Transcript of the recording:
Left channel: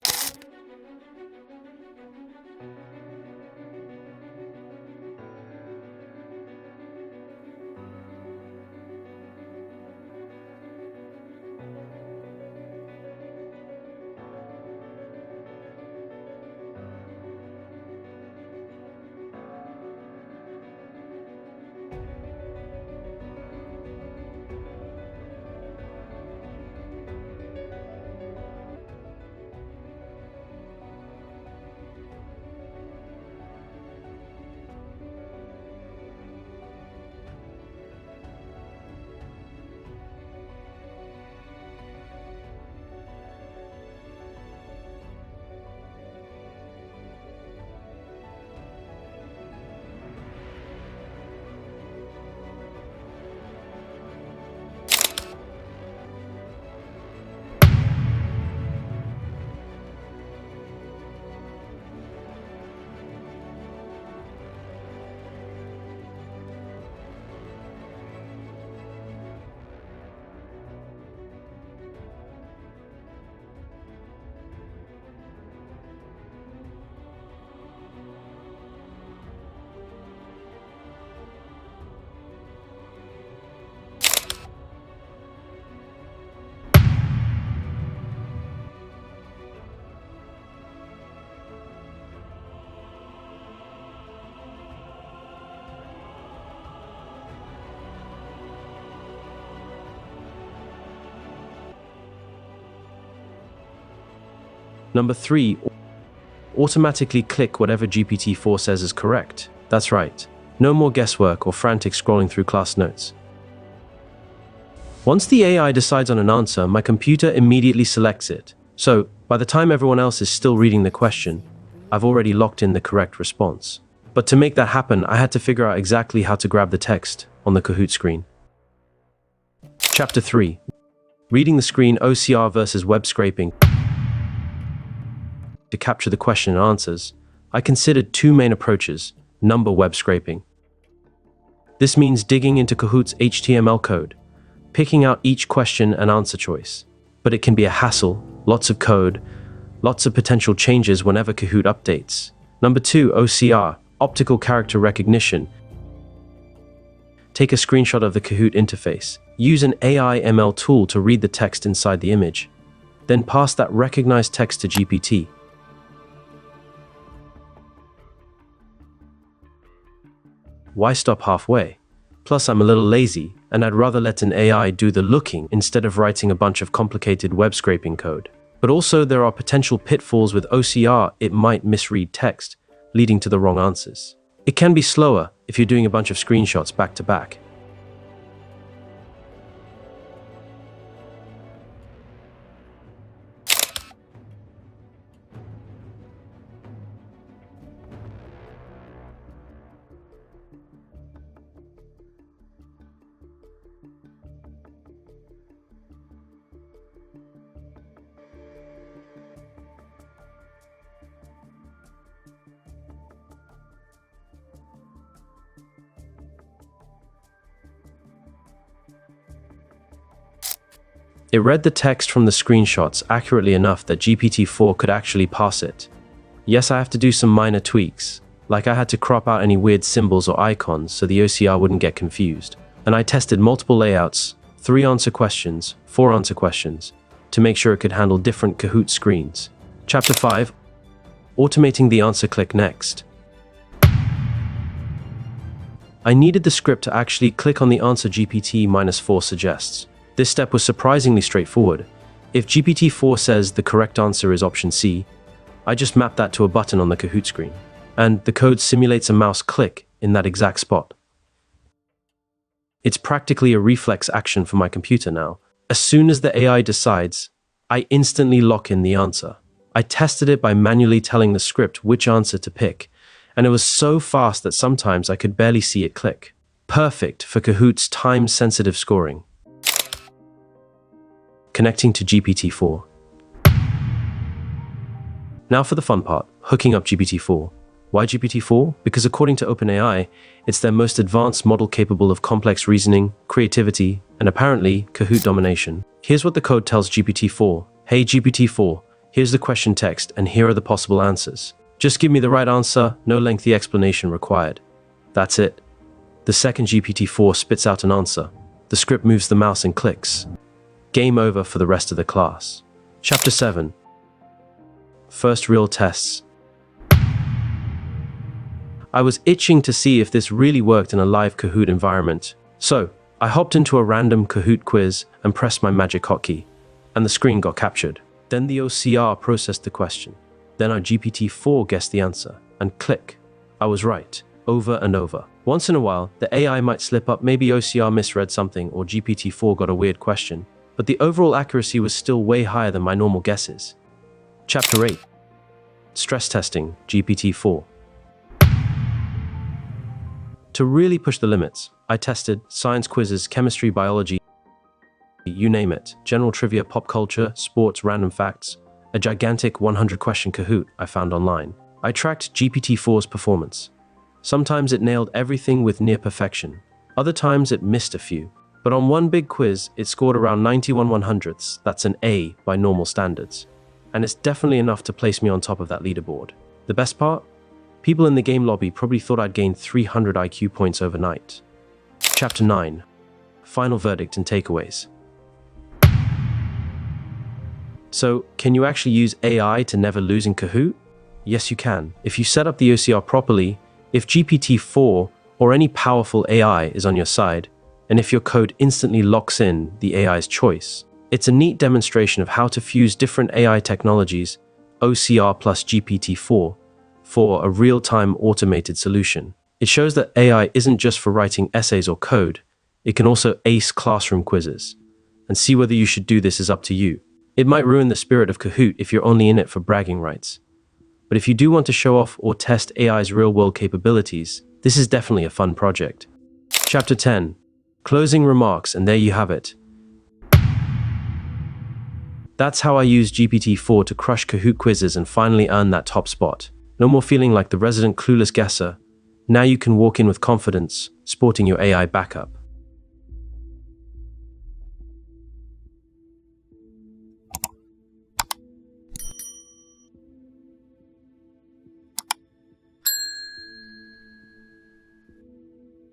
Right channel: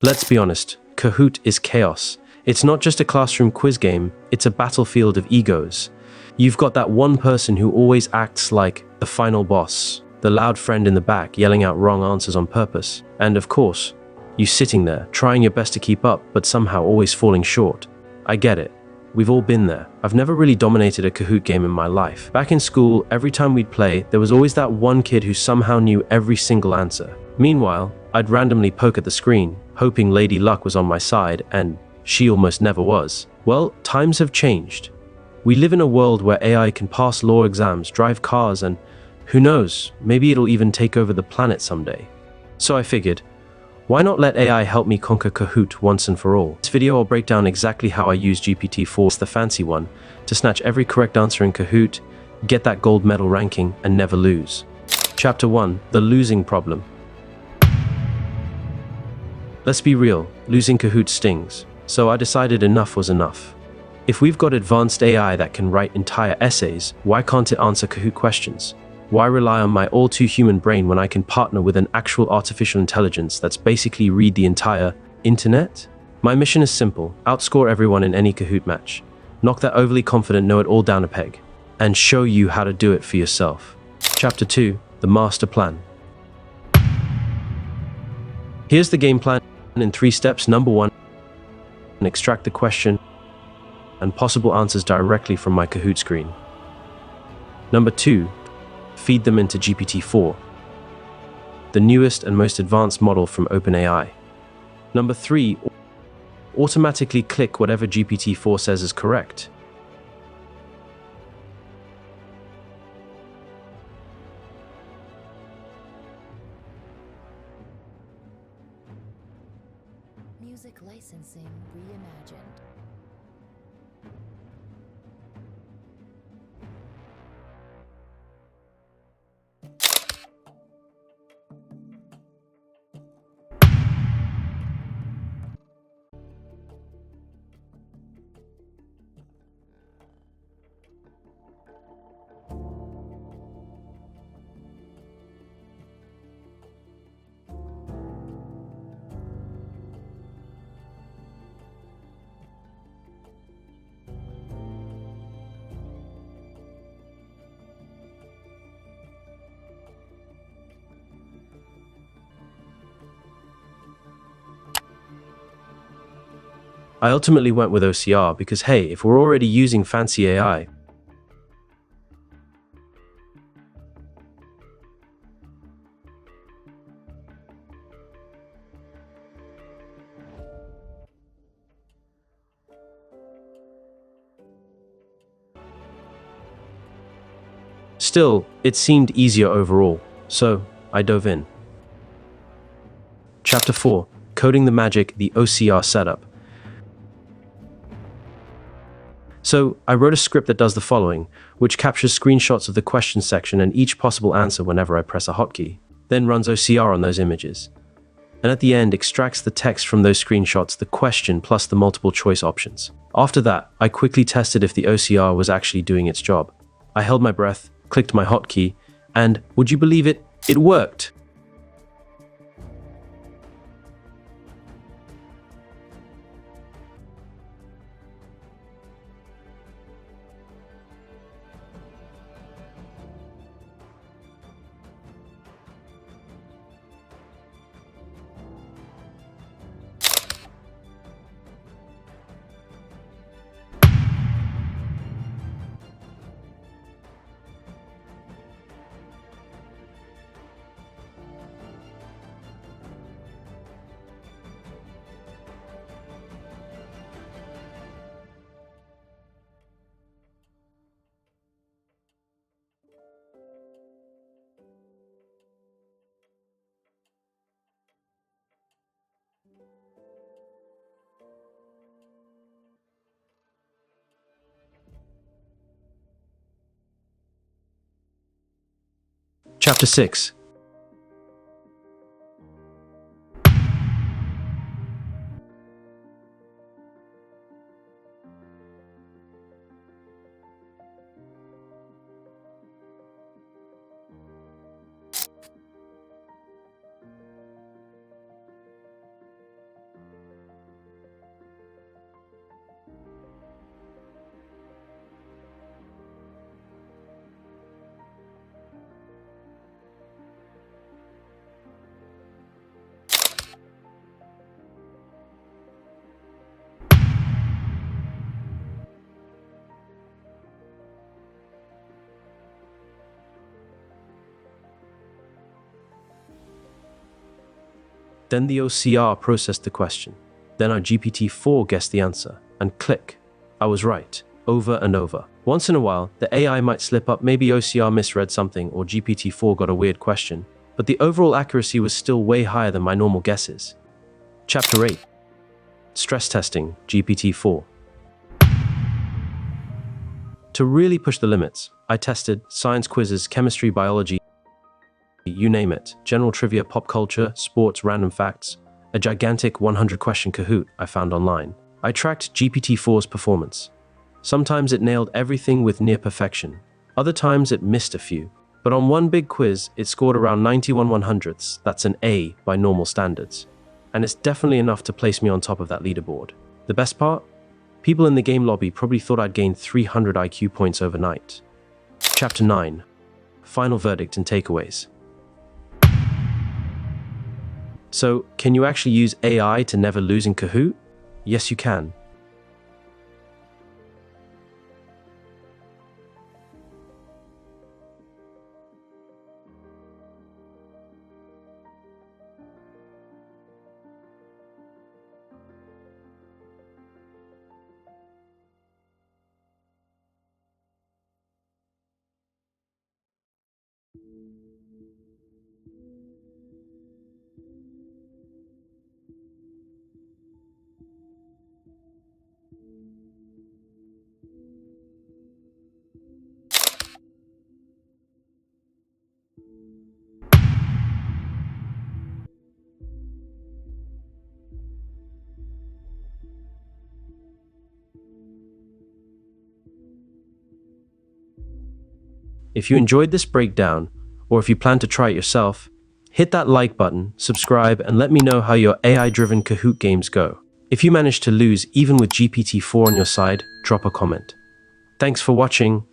Let's be honest, Kahoot is chaos. It's not just a classroom quiz game, it's a battlefield of egos. You've got that one person who always acts like the final boss, the loud friend in the back yelling out wrong answers on purpose. And of course, you sitting there, trying your best to keep up, but somehow always falling short. I get it. We've all been there. I've never really dominated a Kahoot game in my life. Back in school, every time we'd play, there was always that one kid who somehow knew every single answer. Meanwhile, I'd randomly poke at the screen, hoping Lady Luck was on my side, and she almost never was. Well, times have changed. We live in a world where AI can pass law exams, drive cars, and who knows, maybe it'll even take over the planet someday. So I figured, why not let AI help me conquer Kahoot once and for all? This video I'll break down exactly how I use GPT-4, the fancy one, to snatch every correct answer in Kahoot, get that gold medal ranking, and never lose. Chapter 1, the losing problem. Let's be real, losing Kahoot stings, so I decided enough was enough. If we've got advanced AI that can write entire essays, why can't it answer Kahoot questions? Why rely on my all-too-human brain when I can partner with an actual artificial intelligence that's basically read the entire internet? My mission is simple: outscore everyone in any Kahoot match, knock that overly confident know-it-all down a peg, and show you how to do it for yourself. Chapter 2, the master plan. Here's the game plan in 3 steps. Number 1, extract the question and possible answers directly from my Kahoot screen. Number 2, feed them into GPT-4, the newest and most advanced model from OpenAI. Number 3, automatically click whatever GPT-4 says is correct. That's right, no more guesswork or frantic scrolling through class notes. Once the AI decides on an answer, my computer immediately selects it. So, by the time everyone else is still reading the question, I've already locked in the correct response. But to make that happen, I had to figure out exactly how to grab the text on the Kahoot screen. Chapter 3, reading the screen, OCR versus web scraping. To capture the question and answers, I considered 2 main approaches. Number, web scraping. This means digging into Kahoot's HTML code, picking out each question and answer choice. But it can be a hassle, lots of code, lots of potential changes whenever Kahoot updates. Number 2, OCR, optical character recognition. Take a screenshot of the Kahoot interface, use an AI ML tool to read the text inside the image, then pass that recognized text to GPT. I ultimately went with OCR because hey, if we're already using fancy AI, why stop halfway? Plus, I'm a little lazy, and I'd rather let an AI do the looking instead of writing a bunch of complicated web scraping code. But also, there are potential pitfalls with OCR. It might misread text, leading to the wrong answers. It can be slower if you're doing a bunch of screenshots back to back. Still, it seemed easier overall, so I dove in. Chapter 4, coding the magic, the OCR setup. So, I wrote a script that does the following, which captures screenshots of the question section and each possible answer whenever I press a hotkey, then runs OCR on those images, and at the end extracts the text from those screenshots, the question plus the multiple choice options. After that, I quickly tested if the OCR was actually doing its job. I held my breath, clicked my hotkey, and would you believe it? It worked! It read the text from the screenshots accurately enough that GPT-4 could actually parse it. Yes, I have to do some minor tweaks, like I had to crop out any weird symbols or icons so the OCR wouldn't get confused. And I tested multiple layouts, 3 answer questions, 4 answer questions, to make sure it could handle different Kahoot screens. Chapter 5, automating the answer. Click next. I needed the script to actually click on the answer GPT-4 suggests. This step was surprisingly straightforward. If GPT-4 says the correct answer is option C, I just map that to a button on the Kahoot screen, and the code simulates a mouse click in that exact spot. It's practically a reflex action for my computer now. As soon as the AI decides, I instantly lock in the answer. I tested it by manually telling the script which answer to pick, and it was so fast that sometimes I could barely see it click. Perfect for Kahoot's time-sensitive scoring. Chapter 6, connecting to GPT-4. Now for the fun part, hooking up GPT-4. Why GPT-4? Because according to OpenAI, it's their most advanced model capable of complex reasoning, creativity, and apparently Kahoot domination. Here's what the code tells GPT-4. Hey GPT-4, Here's the question text, and here are the possible answers. Just give me the right answer, no lengthy explanation required. That's it. The second GPT-4 spits out an answer. The script moves the mouse and clicks. Game over for the rest of the class. Chapter 7. First real tests. I was itching to see if this really worked in a live Kahoot environment. So, I hopped into a random Kahoot quiz and pressed my magic hotkey, and the screen got captured. Then the OCR processed the question. Then our GPT-4 guessed the answer, and click. I was right, over and over. Once in a while, the AI might slip up, maybe OCR misread something or GPT-4 got a weird question, but the overall accuracy was still way higher than my normal guesses. Chapter 8. Stress testing GPT-4. To really push the limits, I tested science quizzes, chemistry, biology, you name it, general trivia, pop culture, sports, random facts, a gigantic 100-question Kahoot I found online. I tracked GPT-4's performance. Sometimes it nailed everything with near perfection. Other times it missed a few. But on one big quiz, it scored around 91/100ths. That's an A by normal standards. And it's definitely enough to place me on top of that leaderboard. The best part? People in the game lobby probably thought I'd gained 300 IQ points overnight. Chapter 9. Final verdict and takeaways. So, can you actually use AI to never lose in Kahoot? Yes, you can. If you set up the OCR properly, if GPT-4 or any powerful AI is on your side, and if your code instantly locks in the AI's choice. It's a neat demonstration of how to fuse different AI technologies, OCR plus GPT-4, for a real-time automated solution. It shows that AI isn't just for writing essays or code, it can also ace classroom quizzes. And see whether you should do this is up to you. It might ruin the spirit of Kahoot if you're only in it for bragging rights. But if you do want to show off or test AI's real-world capabilities, this is definitely a fun project. Chapter 10. Closing remarks, and there you have it. That's how I used GPT-4 to crush Kahoot quizzes and finally earn that top spot. No more feeling like the resident clueless guesser. Now you can walk in with confidence, sporting your AI backup. If you enjoyed this breakdown, or if you plan to try it yourself, hit that like button, subscribe, and let me know how your AI-driven Kahoot games go. If you manage to lose even with GPT-4 on your side, drop a comment. Thanks for watching.